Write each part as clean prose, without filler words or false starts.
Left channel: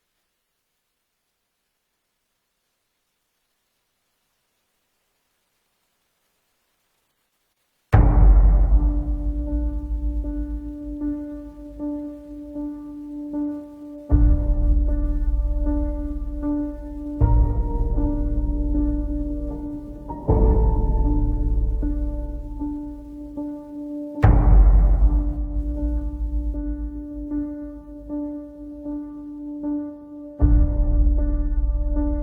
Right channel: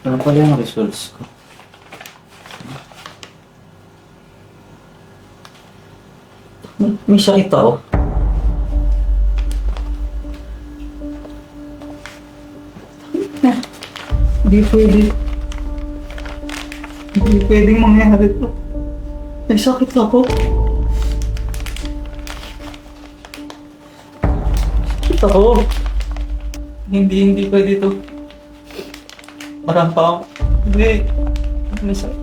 Ano pala yung results ko? May sakit ako. Na, hindi pwede. Hindi pwedeng mangyari to. May sakit ako. Sakit ako. Hindi pwede to. Marang pa ako. Hindi. May sakit.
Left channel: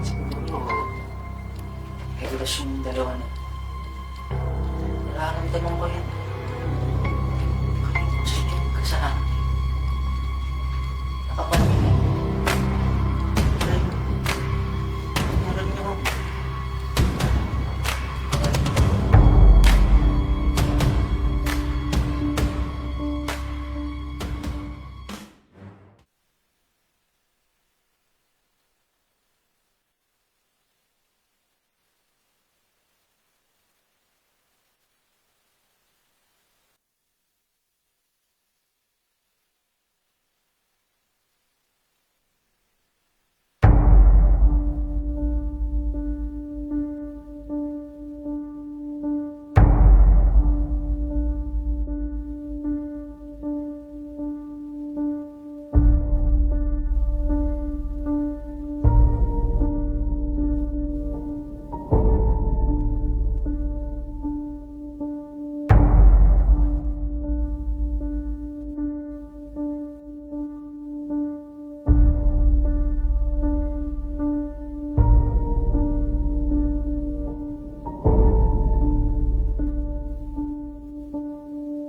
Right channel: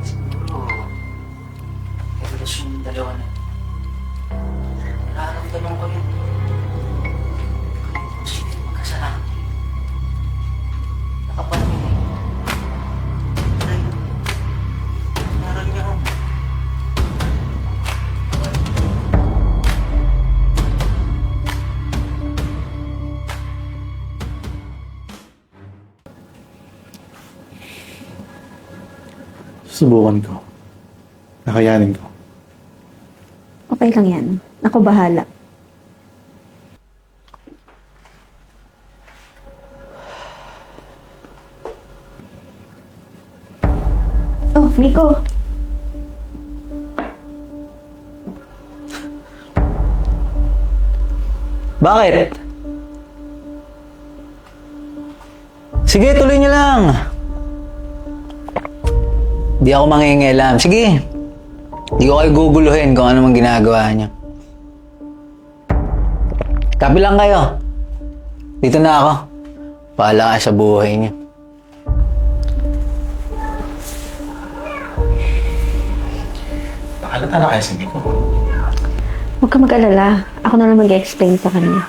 Siguro, may relasyon yung dalawa na. Nararamdaman ko yun. Kaya kung sila yung magkasama. Nakapanin eh. Dahil, meron niya ako. Susubukan ko. Nakayanin ko. Okay lang yan. Ako bahala. Oh, Nico. Bakit? Sige, tuloy niyo lang. Di ako mangingialam. Sige. Di ko kayo guguluhin kung ano mang ginagawa niyo. Kapi lang kayo. Dito na ako. Pahala ka sa buhay niyo. Nakalata na kaya si Nico. Huwag ka mag-alala. Ako na lang mag-explain sa kanya.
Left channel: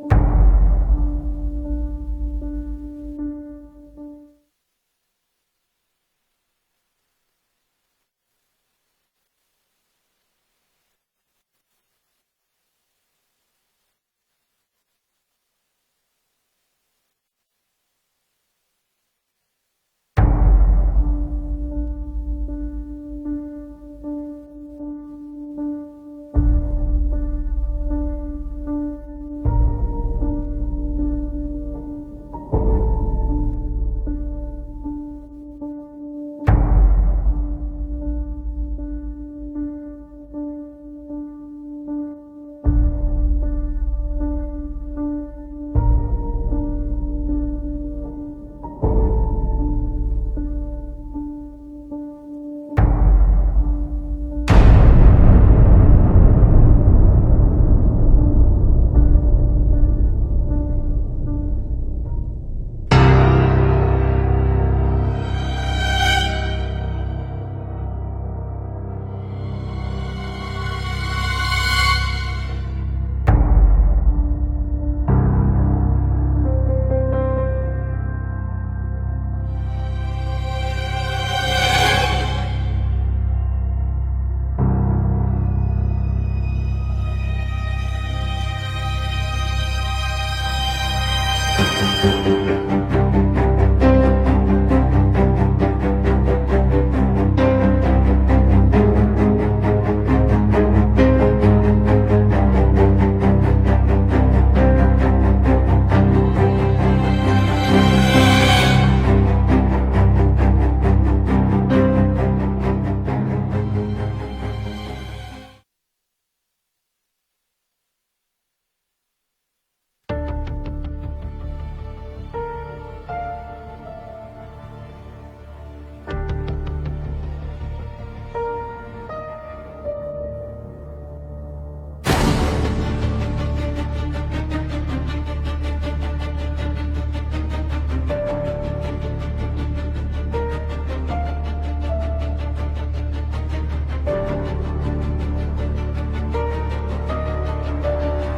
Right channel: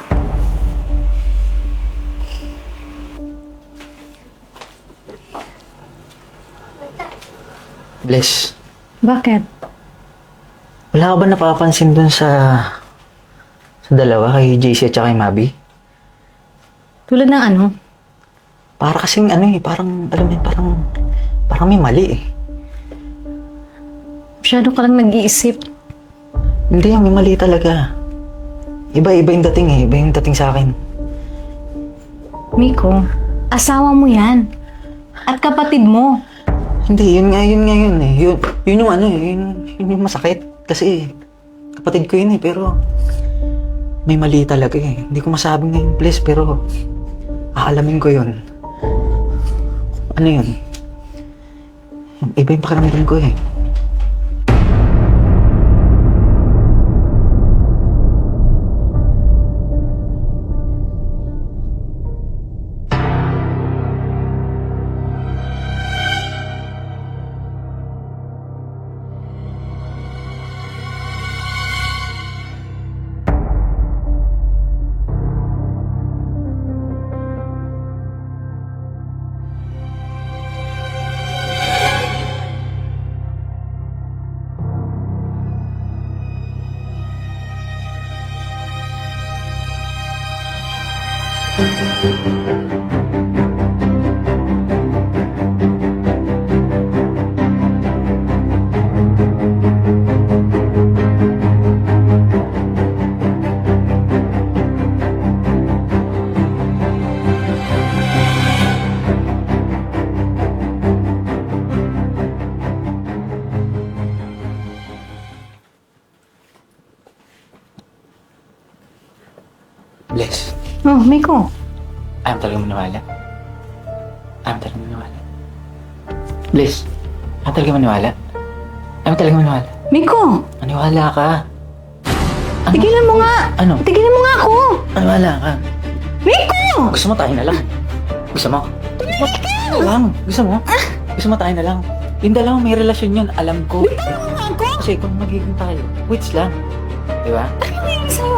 Bless. Bakit? Wala ka ba napapansin dun sa dalawa, kay JC at saka kay Mabi? Tulad ng ano? Para kasing ano eh, parang, alam mo yun, parang may mali eh. Masyado ka lang nag-iisip. Hindi, may mali talaga. Iba yung dating eh, iba yung dating sa akin. Miko, asawa mo yan. At kapatid mo. Hindi, yun eh. Yun yung ano eh, yun yung masakit. Kasi kapatid ko yun eh, pero may mali talaga eh. Hindi ko masabing ngayon, please, pero aalamin ko yun. Ano yun? Iba yung pakiramdam ko eh. Bless. Oh, Miko. Ayaw talaga maniwala. Ayaw talaga maniwala. Bless. Ayaw talaga maniwala. Ayaw talaga maniwala. Miko! Maniwala ka. Ano? Tigilan mo nga! Ano? Tigilan mo nga ako! Maniwala ka. Miko! Gusto mo tayo na lang? Gusto mo? Lang. Gusto mo? Gusto mo tayo na lang? Yung dalawa may relasyon yun, alam ko. Kasi kung magiging tayo, wait lang. Di ba? Ano yung sa'yo?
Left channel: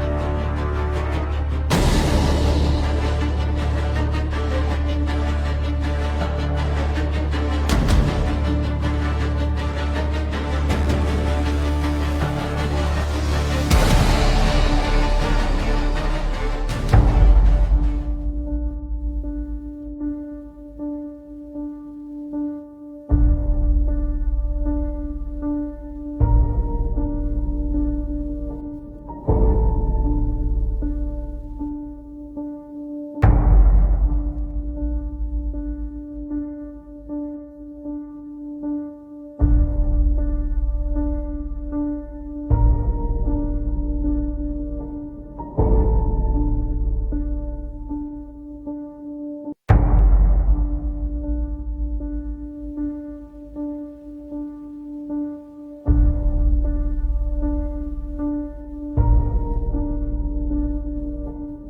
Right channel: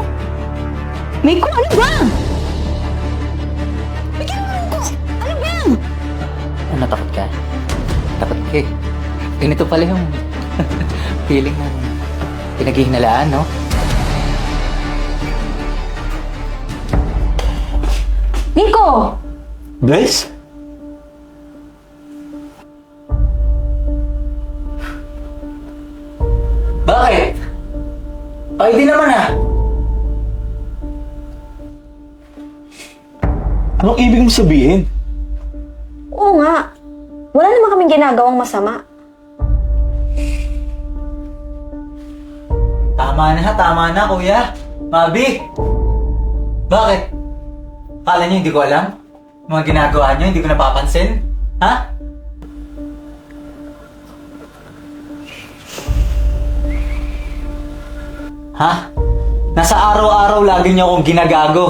Miko, ano ba? Natakot ka? Takot ka eh. Ganito pala yung Feeling pinaghihinalaan, no? Nico! Bless? Bakit? Ay, di naman ah. Anong ibig mo sabihin? Oo nga. Wala naman kaming ginagawang masama. Tama na, kuya. Mabi! Bakit? Kala niyo hindi ko alam? Mga ginagawa niyo, hindi ko napapansin? Ha? Ha? Nasa araw-araw lagi niyo akong ginagago.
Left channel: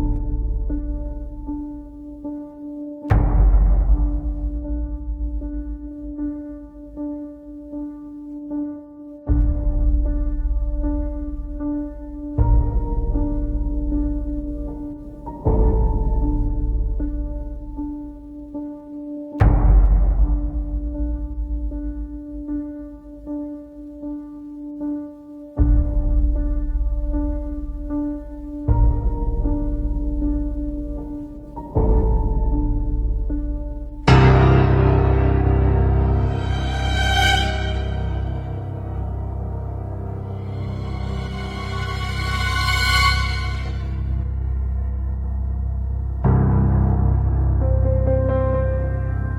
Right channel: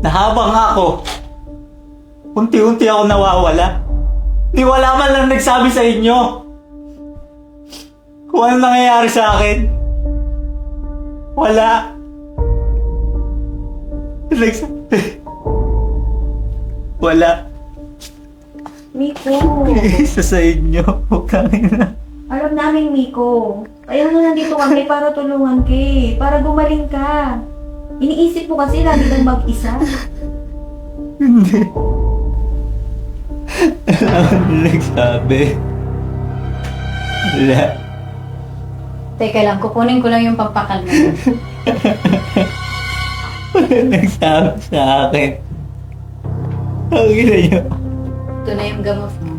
Na habang ako, unti-unti ako nawawala. Di wala man lang nagsabi sa inyo kung ano nangyayari sa akin. Wala. Nagsabi. Wala. Miko, Isa sa inyo. Huwag kang ina. alam namin, Miko. Kaya nga nandito kami para tulungan ka eh. Para gumaling ka. Iniisip mo kasi lagi kang mag-isa. Hindi. Ano nagsabi? Wala. Teka lang, kukunin ko lang yung pampakalma. Wala nagsabi sa akin. Ang ina niyo. Ito na yung gamot mo.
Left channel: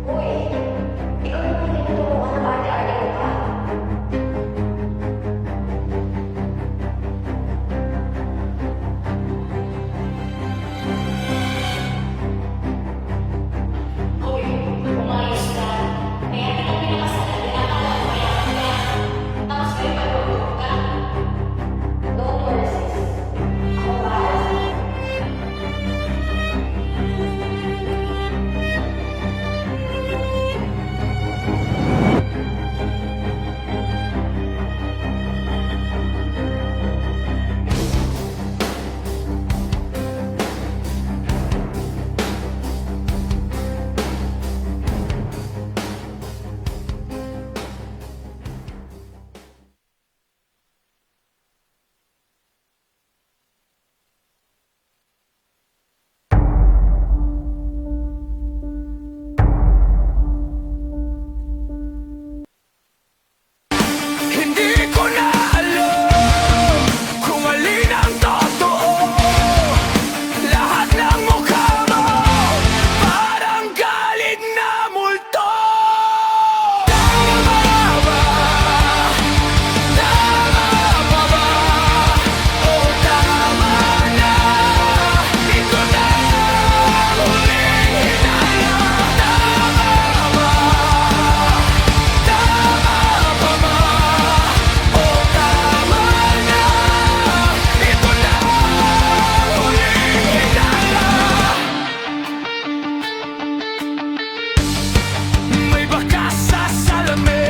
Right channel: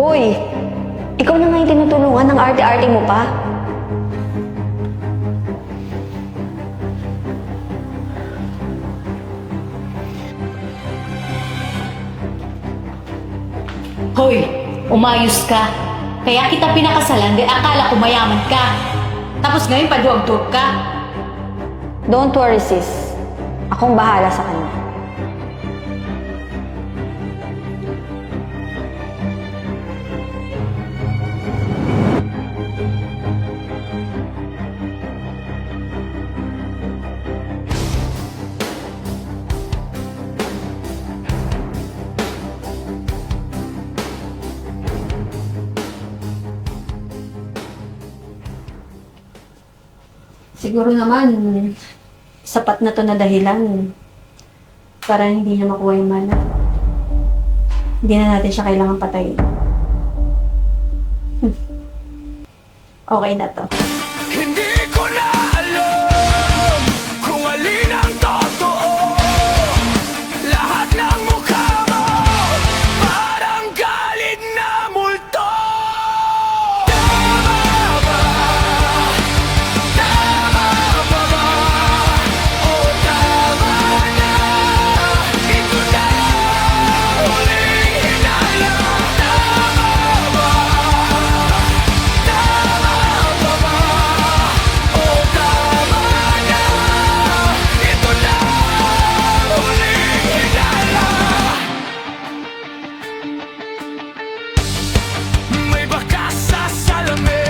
Hoy! Ikaw na nga yung tinutulungan ng arte-arte mo pa. Hoy, umayos ka. Kaya kita pinakasalan dahil akala ko mayaman ka. Tapos ngayon paduwag-duwag ka. Don't worry, sis. Akong bahala sa kanya. Siguro naman, sapat na to na dahilan para hindi niya makuha yung mana. Hindi na natin siya kailangan patayin. Okay na to. Hindi ko na alam kung alin ang totoo. Lahat ng mukha mo parang galit na multo. Tama ba? Tama pa ba? O tama na? Ito na ang huling hinala. Tama ba? Tama pa ba? O tama na? Ito na ang huling hinala. May bakas sa salamin.